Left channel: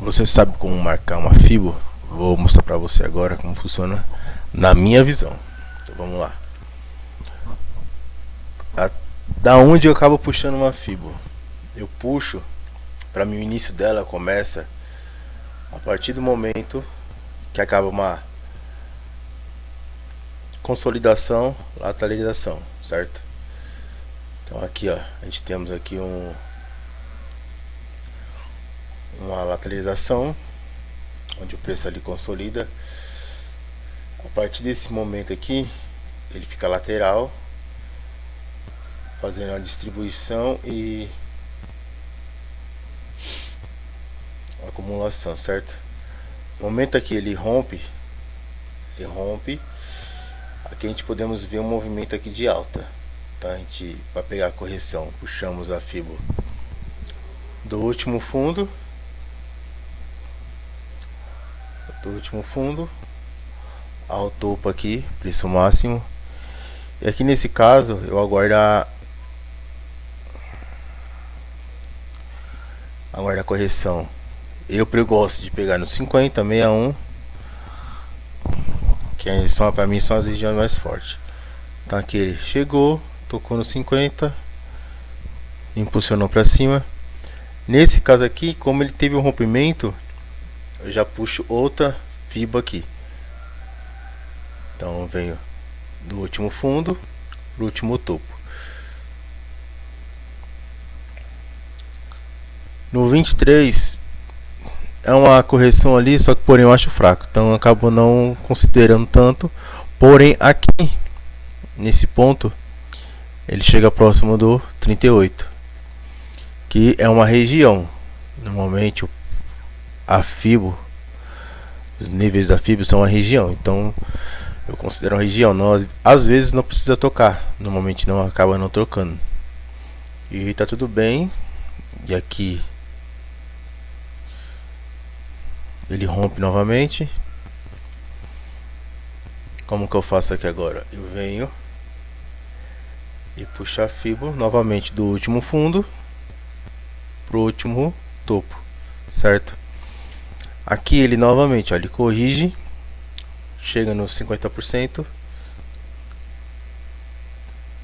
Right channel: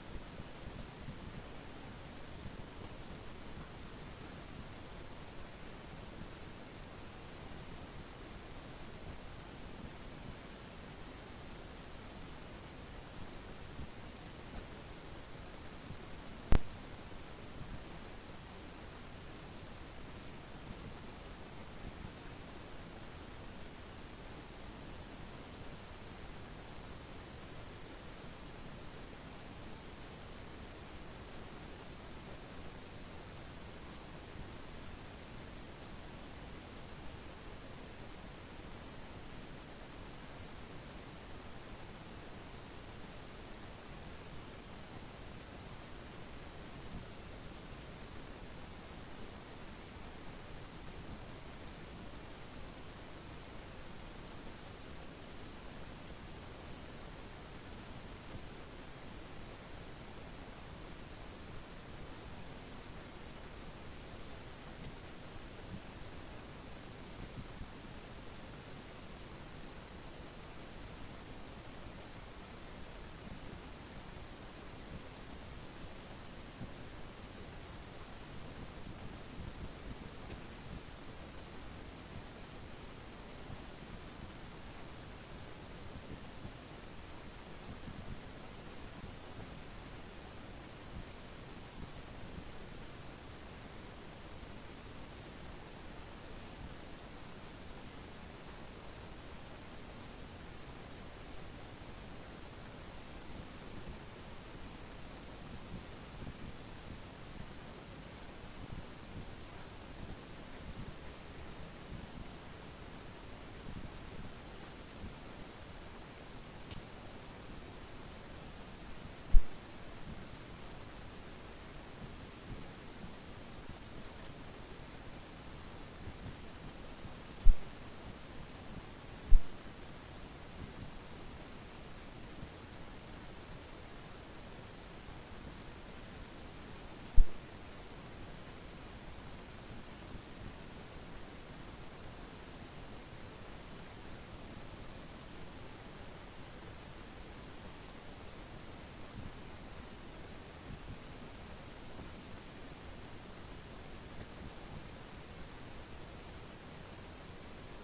Você sabe como marcar uma fibra? Vou mostrar pra você agora como funciona na minha visão. Então vamos lá. Da onde eu acabo puxando uma fibra? Eu puxo, para mim o início dela começa a partir do momento que acaba uma consolidação, lateralização, certo? Então aqui ó, a gente temos aqui uma lateralização, onde o preço ali consolida. A partir desse momento aqui, ele fica lateral, fazendo a distribuição e acumulação, certo? No momento aqui ele rompe, aqui a gente podemos ver um movimento aqui de alta, tá? A gente, para pegar a correção, puxamos a fibra do último fundo, ao topo aqui, preço máximo. E aqui nesse caso eu aguardo a correção. Eu gosto de pegar no 50, 61, que são, pra mim são as regiões mais fortes. Então aqui ele chegou, tocou no 50, impulsionou para cima. Nesse caso aqui, como ele teve um rompimento, eu já puxo outra fibra aqui. Então eu venho do último fundo pro último topo. No 23 é uma correção ali, só que porém eu acho fraco, então eu acabo não considerando tanto. Porém aqui nesse ponto ele chega próximo do 38, que é uma região. Normalmente a fibra, os níveis da fibra são uma região, então eu considero uma região. Não, às vezes não precisa tocar, normalmente não acaba não trocando. E tá tudo bem. E aqui ele rompe novamente. Como que eu faço aqui agora? Eu venho e puxo a fibra novamente do último fundo pro último topo, certo? Aqui ele novamente, ó, ele corrige, chega nos 50%,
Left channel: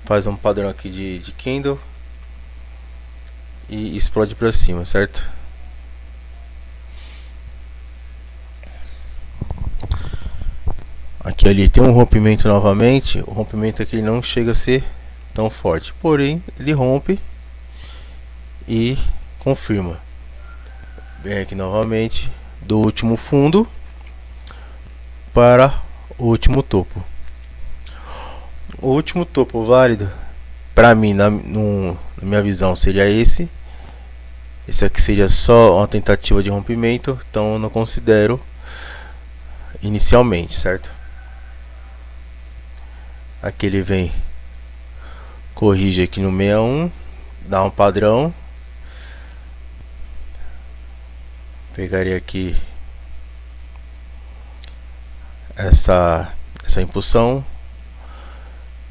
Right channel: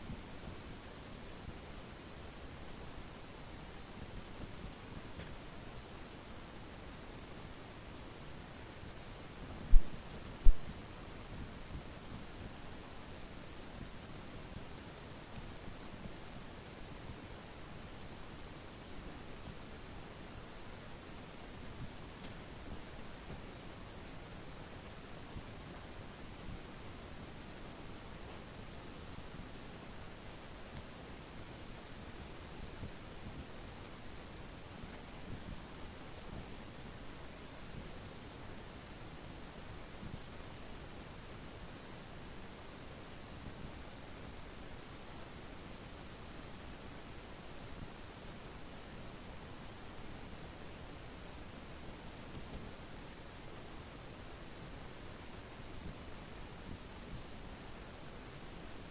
faz um padrão aqui de candle e explode para cima, certo? Aqui ali tem um rompimento novamente. O rompimento aqui não chega a ser tão forte, porém ele rompe e confirma. Vem aqui novamente do último fundo para o último topo. O último topo válido para mim, na minha visão, seria esse. Esse aqui seria só uma tentativa de rompimento, então eu não considero inicialmente, certo? Aqui ele vem, corrige aqui no 61, dá um padrão. Pegaria aqui essa impulsão.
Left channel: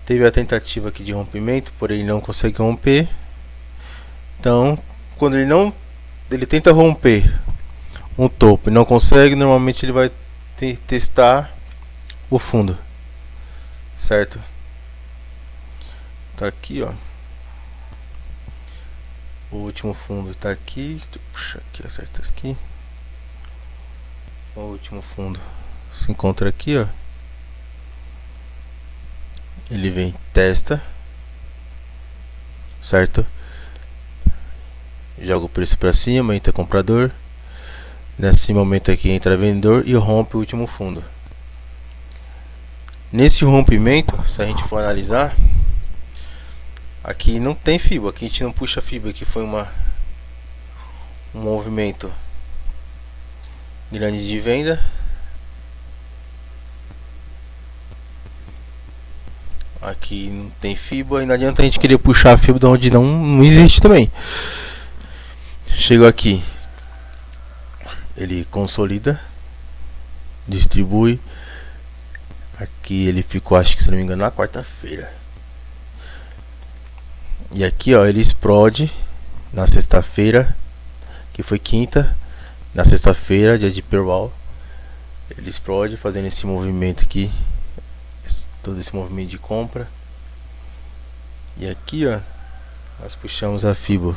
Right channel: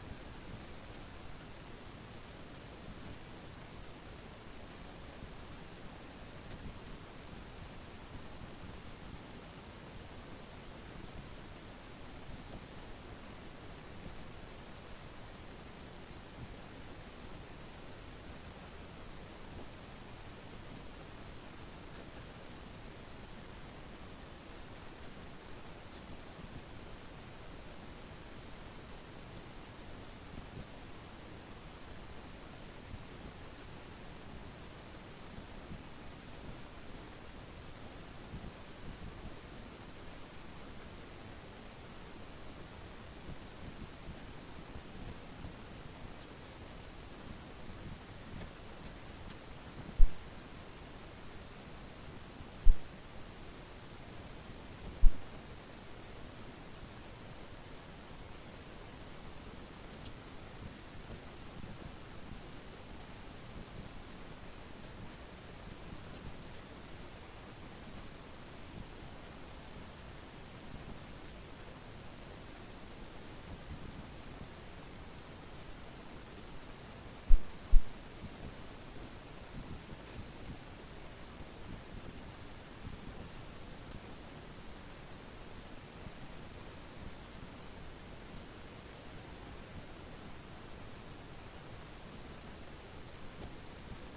Teve a tentativa aqui de rompimento, porém ele não consegue romper. Então, quando ele tenta romper um topo e não consegue, normalmente ele vai testar o fundo, certo? Tá aqui, ó. O último fundo tá aqui. Puxa aqui, acerta aqui. O último fundo se encontra aqui, ó. Ele vem, testa, certo? Joga o preço para cima, entra comprador. Nesse momento aqui entra vendedor e rompe o último fundo. Nesse rompimento, se a gente for analisar, aqui não tem fibra, aqui a gente não puxa fibra, aqui foi um movimento grande de venda. Aqui não tem fibra e não adianta a gente querer puxar a fibra de onde não existe também. Chegou aqui, ele consolida, distribui. Aqui ele ficou, acho que se não me engano, na quarta-feira. E aqui ó, ele explode na sexta-feira, que foi quinta, na sexta-feira, dia de Perwall, ele explode fazendo esse movimento aqui, todo esse movimento de compra. E aqui, ó, nós puxamos a Fibo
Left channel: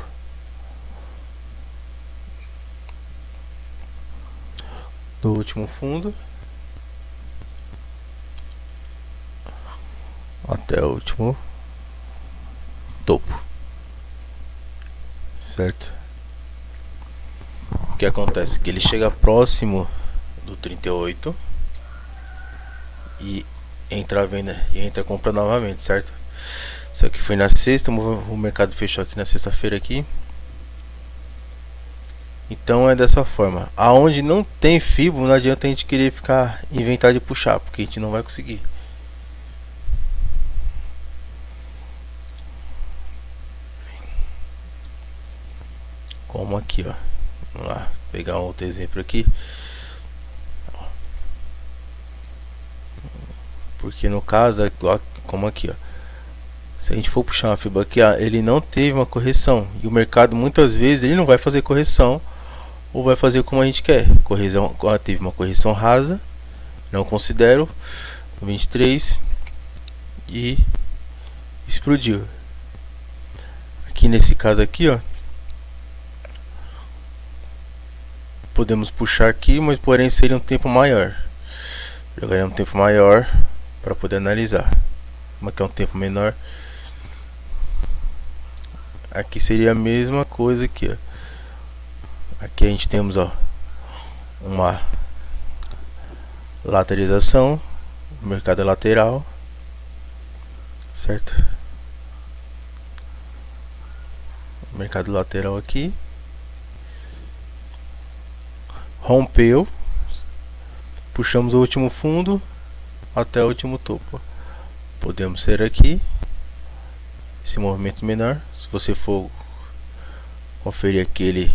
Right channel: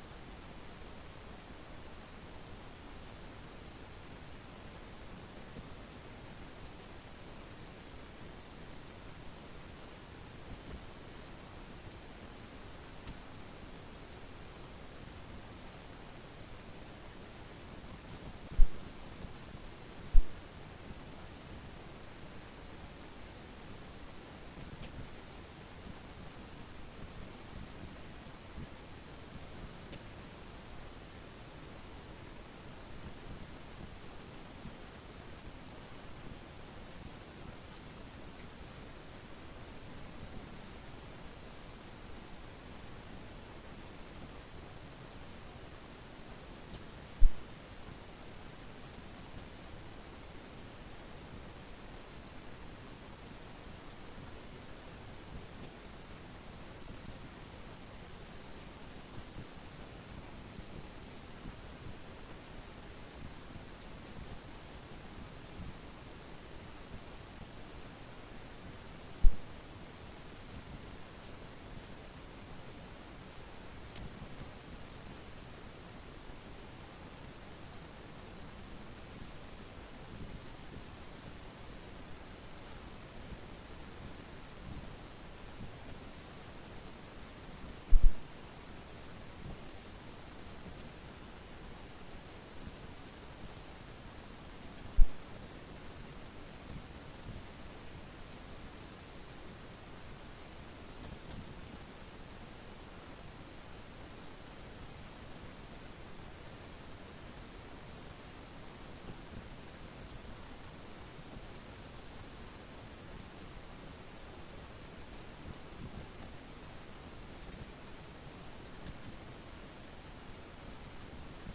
do último fundo até o último topo, certo? O que acontece? Que ele chega próximo do 38 e entra a venda e entra a compra novamente, certo? Isso aqui foi na sexta, o mercado fechou aqui na sexta-feira aqui. Então é dessa forma. Aonde não tem Fibo, não adianta a gente querer ficar inventar de puxar, porque a gente não vai conseguir. Como aqui, ó. Vamos lá, pegar um outro exemplo aqui. Porque no caso, como aqui, ó. Se a gente for puxar uma fibra aqui, ó, ele não teve uma correção. E o mercado muitas vezes ele não vai fazer correção, ou vai fazer como a gente quer. Correção, teve uma correção rasa, não considero, 23 e explodiu. Aqui nesse caso aqui, ó, podemos puxar aqui, mas porém seria um tempo maior. Jogaria um tempo maior para poder analisar. Como aqui é um tempo menor, aqui seria a mesma coisa aqui, ó. Aqui a gente temos, ó, uma lateralização, mercado lateral, certo? Mercado lateral aqui, rompeu, puxamos o último fundo até o último topo. Podemos ser aqui esse movimento menor. Se você for conferir aqui,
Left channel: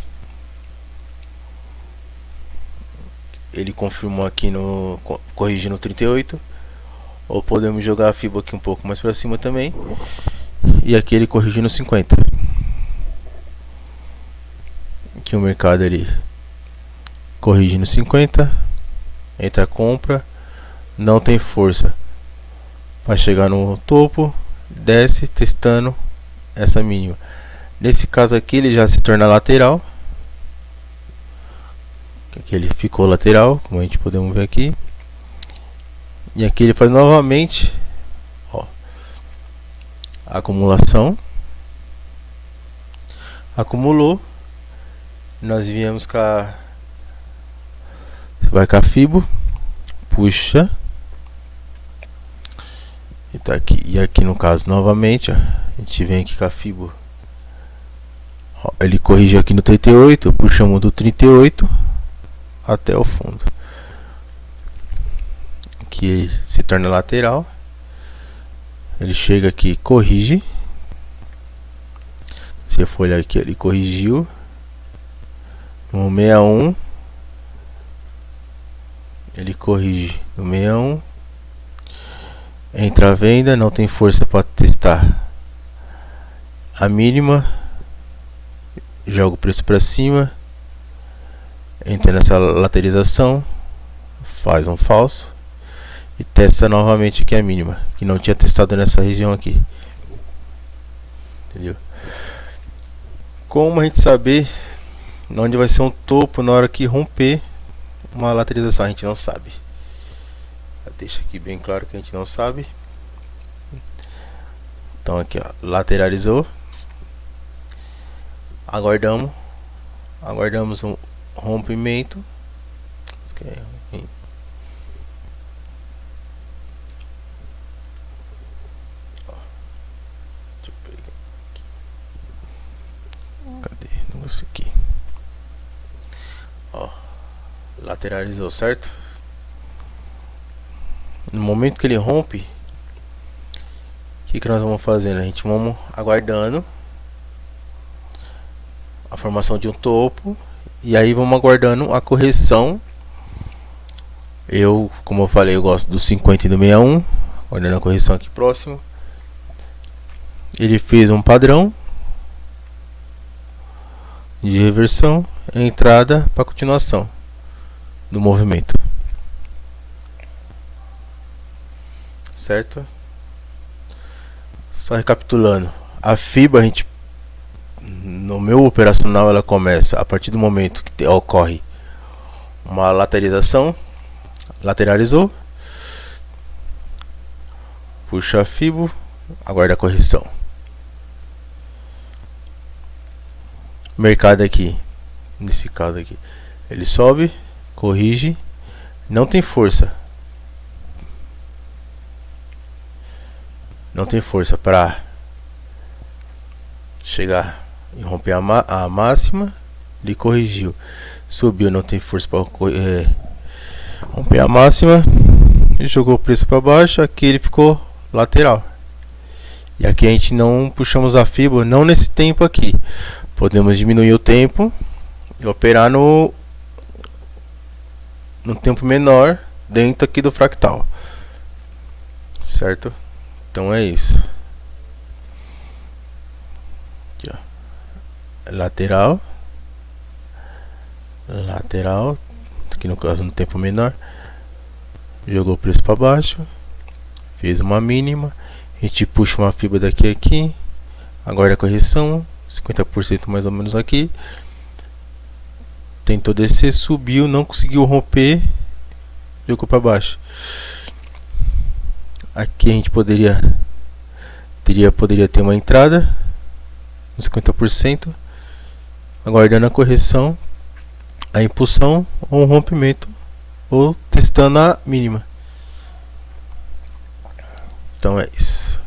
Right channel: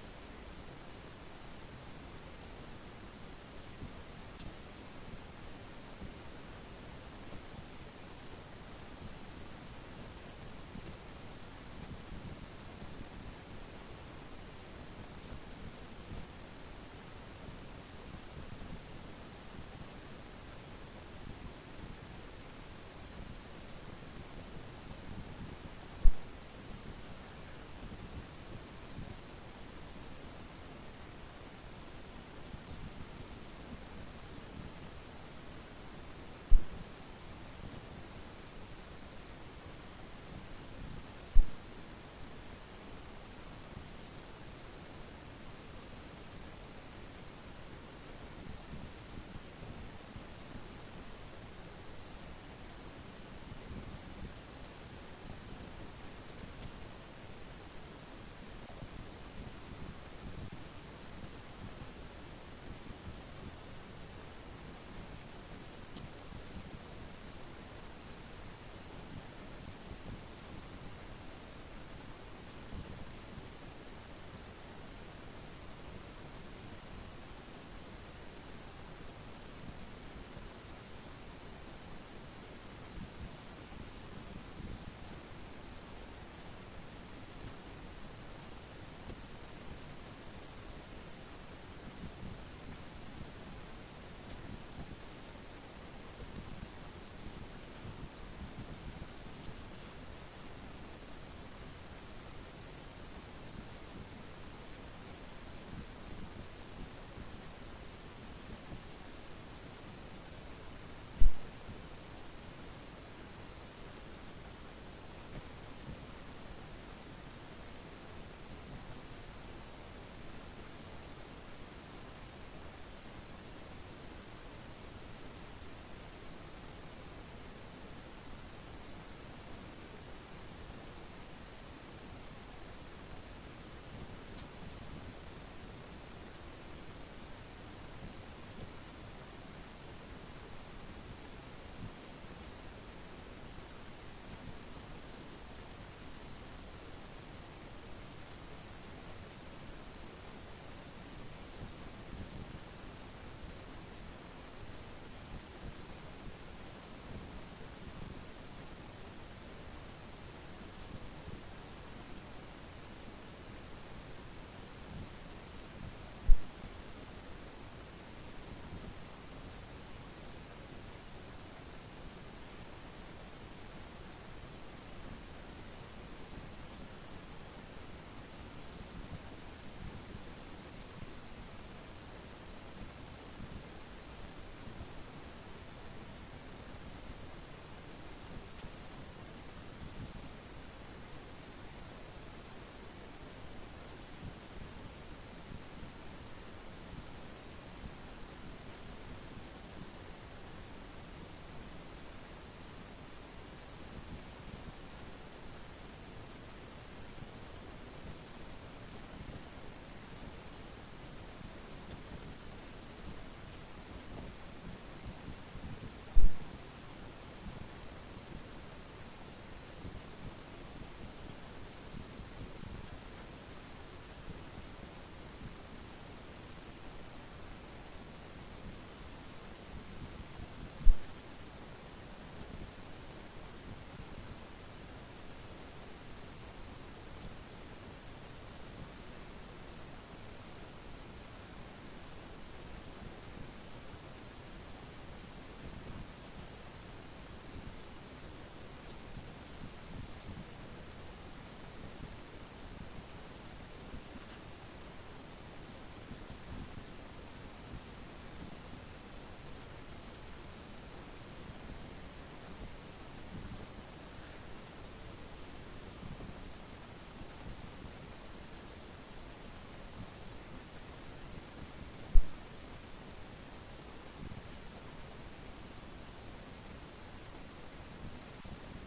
ele confirmou aqui no corrigindo 38, ou podemos jogar a fibra aqui um pouco mais para cima também, e aqui ele corrigindo 50. Aqui o mercado ele corrigindo 50, entra a compra, não tem força para chegar no topo, desce testando essa mínima. Nesse caso aqui ele já se torna lateral. Aqui ele ficou lateral, como a gente podemos ver aqui. E aqui ele faz novamente, ó, acumulação. Acumulou. Nós viemos com a, vai com a Fibo, puxa. E tá aqui, e aqui no caso novamente, ó, a gente vem aqui com a Fibo. Ó, ele corrigiu aqui no 38, puxamos do 38 até o fundo. Aqui se torna lateral. Ele chega aqui, corrige. Se eu for olhar aqui, ele corrigiu no 61. Ele corrige no 61. Entra a venda, não tem força para testar a mínima. Joga o preço para cima. Entra nessa lateralização, faz um falso e testa novamente aqui a mínima, que não tinha testado nessa região aqui. Entendeu? Como a gente saber onde vai ser um topo na hora que romper uma lateralização? A gente não sabe. Deixa aqui bem claro que a gente não sabe. Então aqui, ó, lateralizou. Aguardamos um rompimento. Cadê o negócio aqui? Ó, lateralizou, certo? No momento que ele rompe, o que nós vamos fazendo? A gente vamos aguardando a formação de um topo, e aí vamos aguardando a correção. Como eu falei, eu gosto do 50 e do 61, aguardando a correção aqui próximo. Ele fez um padrão, de reversão, entrada para continuação do movimento, certo? Só recapitulando, a FIBA, a gente, no meu operacional, ela começa a partir do momento que ocorre uma lateralização, lateralizou, puxa a FIBO, aguarda a correção. Mercado aqui, nesse caso aqui, ele sobe, corrige, não tem força. Não tem força para chegar e romper a máxima. Ele corrigiu, subiu, não tem força para romper a máxima e jogou o preço para baixo. Aqui ele ficou lateral. E aqui a gente não puxamos a FIBA, não nesse tempo aqui. Podemos diminuir o tempo e operar no tempo menor dentro aqui do fractal, certo? Então é isso. Aqui, ó. Lateral, lateral, aqui no caso no tempo menor, jogou o preço para baixo, fez uma mínima, a gente puxa uma fibra daqui a aqui, agora a correção, 50% mais ou menos aqui, tentou descer, subiu, não conseguiu romper, jogou para baixo. Aqui a gente poderia ter uma entrada uns 50%, aguardando a correção, a impulsão ou um rompimento, ou testando a mínima. Então é isso.